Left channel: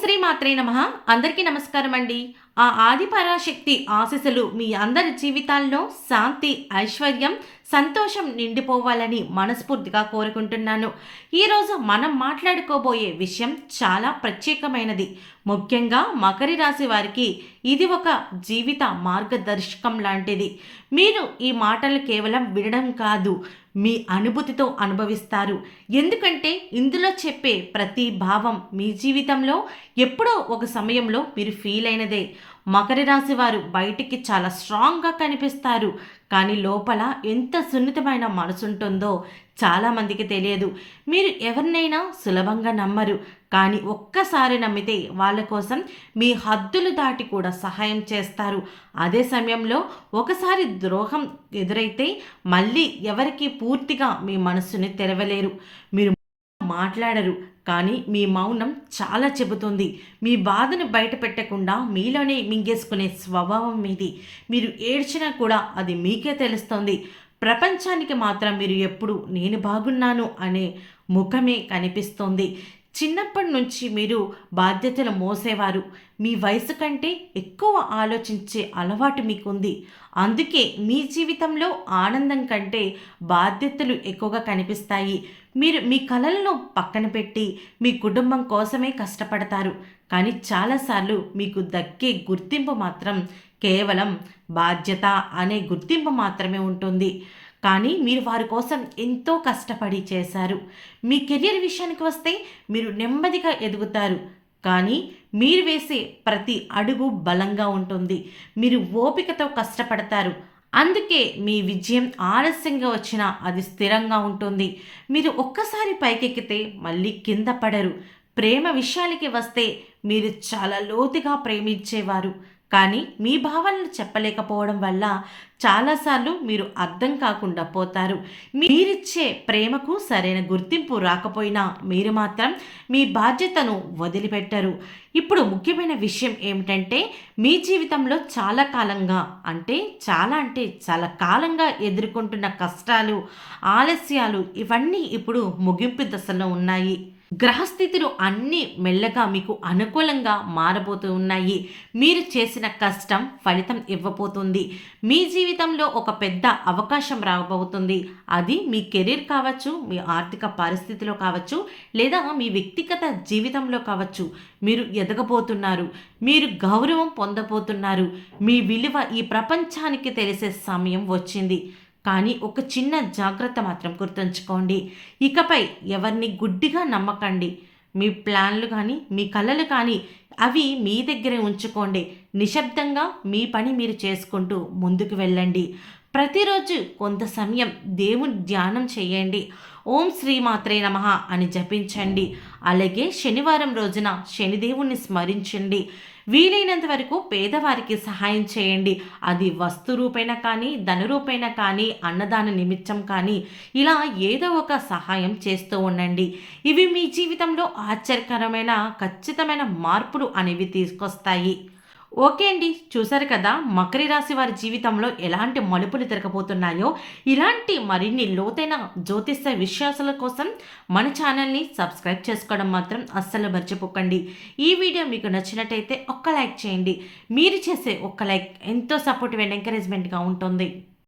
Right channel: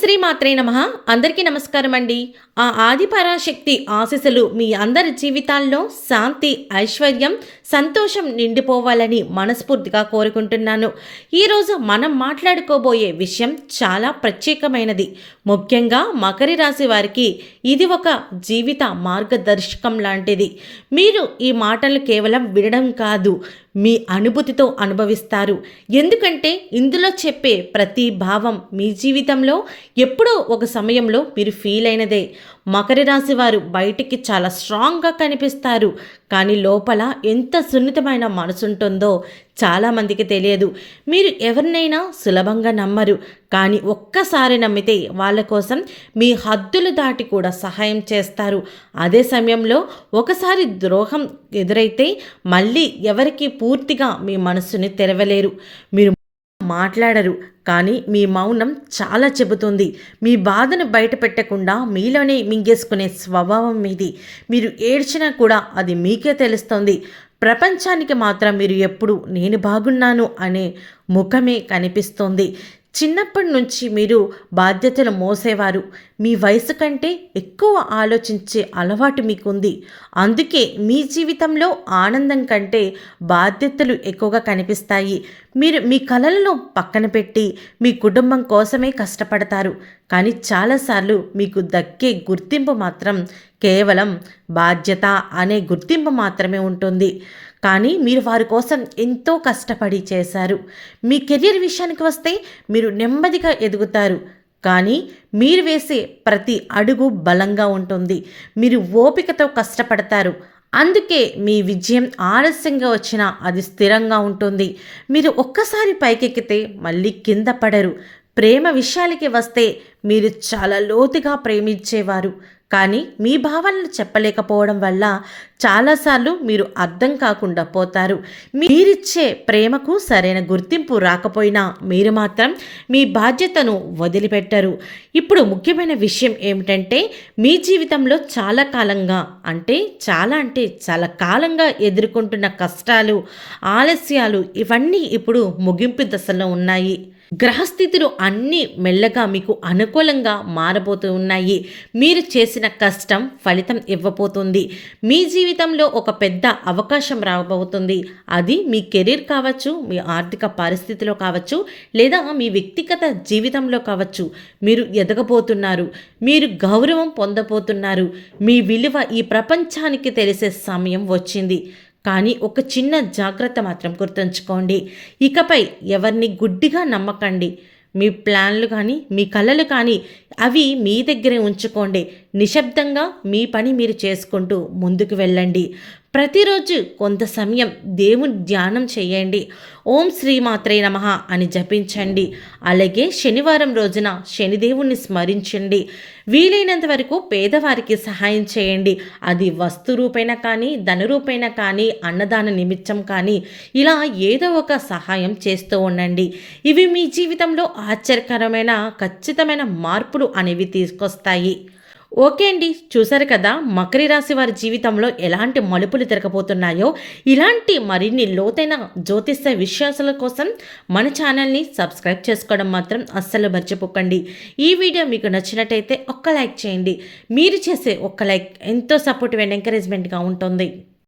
శ్రీ మాత్రే నమః. అందరికీ నమస్కారం అండి. ఆ ఆది పరాశక్తి ఆశీస్సులు మీ అందరి జీవితాల్లో శాంతి, ఐశ్వర్యం, సంతోషం నిండిపోవాలని మనస్ఫూర్తిగా కోరుకుంటున్నాను. ఈరోజు మనం మాట్లాడుకోబోయే విషయం చాలా ప్రత్యేకమైనది. ముఖ్యంగా మకర రాశి వారికి ఇది ఒక జీవిత మార్గదర్శకం లాంటిది. మీరు ఈ మాటలు కేవలం వినడం కాదు, మీ అనుభూతితో అనుభవిస్తారు. ఎందుకంటే ఇందులో చెప్పే ప్రతి భావం మీ జీవితంలో ఎప్పుడో ఒక సమయంలో మీరు ఫీల్ అయినదే. మకర రాశి వారు బయటికి చాలా స్ట్రాంగ్గా కనిపిస్తారు, కానీ లోపల ఎంత సున్నితమైన మనసు ఉంటుందో చాలామందికి తెలియదు. మీరు ఎవరినైనా సులభంగా నమ్మరు, కానీ ఒక్కసారి నమ్మితే వాళ్ళ కోసం మీ హద్దులు దాటి కూడా సహాయం చేస్తారు. అదే సమయంలో ఒకసారి ద్రోహం ఎదురైతే మళ్ళీ ఎవరికి పూర్తిగా మీ మనస్సుని తెరవలేరు. మీరు మాట్లాడరు, కానీ మీ మౌనం చాలా చెబుతుంది. మీ బాధను బయట పెట్టకుండా మీలోనే మింగేసుకునే స్వభావం మీది. మీరు ఏడ్చినా కూడా అది మీకే తెలుస్తుంది. ప్రపంచానికి మాత్రం మీరు ఎప్పుడు నేను బాగున్నాను అనే ముఖమే కనిపిస్తోంది. చిన్నప్పటి నుంచి మీరు బాధ్యతలు మోసేవారు. మీ వయసు కంటే ఎక్కువ ఆలోచించే అలవాటు మీకుంది. అందుకే మీ జీవితంలో ఆనందం కంటే బాధ్యతలు ఎక్కువగా కనిపిస్తాయి. మీరు మీ కలలను పక్కన పెట్టి మీ కుటుంబం కోసమే కష్టపడతారు, కానీ చాలాసార్లు మీకు దక్కే గుర్తింపు మాత్రం కేవలం బాధ్యత అనే గుర్తింపు మాత్రమే ఉంటుంది. కానీ మీరు వారి కోసం ఎంతో కష్టపడి చేశారు. మీ కెరియర్ విషయానికి వస్తే మీరు నెమ్మదిగా ఎదుగుతారు, కానీ మీరు వేసే ప్రతి అడుగు బలంగా ఉంటుంది. మీరు ఓపికతో కష్టపడతారు, అందుకే మీ విజయం ఆలస్యంగా వచ్చినా అది స్థిరంగా ఉంటుంది. మీరు ఒక్కసారి పైకెక్కితే మళ్ళీ కింద పడరు. ప్రేమ విషయాలకి వస్తే మీరు చాలా లోతుగా ప్రేమించేవారు, కానీ మీ భావనలు చెప్పలేకపోవడం వల్ల చాలాసార్లు మీరు అర్థం కాకుండా పోతారు. మీరిచ్చే ప్రేమకు సరైన గుర్తింపు రాకపోయినా మీరు మాత్రం మీ బాధ్యతను వదిలిపెట్టరు. ఇప్పుడు ముఖ్యమైన విషయం ఏమిటంటే, మీ జీవితంలో చాలా కాలంగా ఎదుర్కొంటున్న కష్టాలు, ఆలస్యాలు ఇవన్నీ ఇప్పుడు ముగింపు దశలో ఉన్నాయి. గ్రహస్థితులు అన్నీ మెల్లగా మీకు అనుకూలంగా మారబోతూ ఉన్నాయి. మీరు చేసిన కష్టం ఫలితం ఇవ్వబోతుంది. మీ జీవితంలో ఒక పెద్ద అవకాశం రాబోతుంది. అది మీ కెరీర్ కావచ్చు, మీ ఆర్థిక పరిస్థితిలో కావచ్చు, లేదా మీ వ్యక్తిగత జీవితంలో కావచ్చు. మీరు ఎదగబోతున్నారు, మీరు గౌరవం పొందబోతున్నారు. మీ విలువ ఈ ప్రపంచానికి తెలిసే సమయం వచ్చింది. కానీ ఒక చిన్న జాగ్రత్త మాత్రం గుర్తుంచుకోండి. ఇకపై ఎవరిని గుడ్డిగా నమ్మకండి. మీ ప్లాన్లు కానీ మీ కలలు కానీ అవి మీ దగ్గరే ఉంచుకోండి. నిశ్శబ్దంగా మీ పని మీరు చేసుకుంటూ ముందుకు వెళ్ళండి. ప్రతిరోజు కొంత సమయం దేవుని ధ్యానం చేయండి. ఓం శ్రీ మాత్రే నమః అని జపించండి. అలాగే శనివారం రోజున శనిదేవుణ్ణి స్మరించండి. వీలైనంత వరకు పేదవారికి సహాయం చేయండి. అది వస్తు రూపైన కానీ, ధన రూపైన కానీ, అన్నదాన నిమిత్తం కానీ, ఇలా ఏదో ఒక సహాయం చేస్తూ ఉండండి. ఇవి మీ జీవితంలో ఆశ్చర్యకరమైన ఖచ్చితమైన మార్పులు అనేవి తీసుకొస్తాయి. ఓకే అండి, చూసారు కదా మకర రాశి వారి జీవితంలో ఎలాంటి మలుపులు తిరగబోతున్నాయో. ఇలాంటి మరిన్ని లోతైన జ్యోతిష్య విశ్వాసాల కోసం మన ఛానల్ని సబ్స్క్రైబ్ చేసుకోవడం మాత్రం అస్సలు మర్చిపోకండి. ఈ వీడియో మీకు నచ్చినట్టయితే ఒక్క లైక్ చేయండి. మీరు చేసే ఒక్క లైక్ ఎంతో సపోర్టివ్ అండ్ ఎంకరేజ్మెంట్గా ఉంటుంది.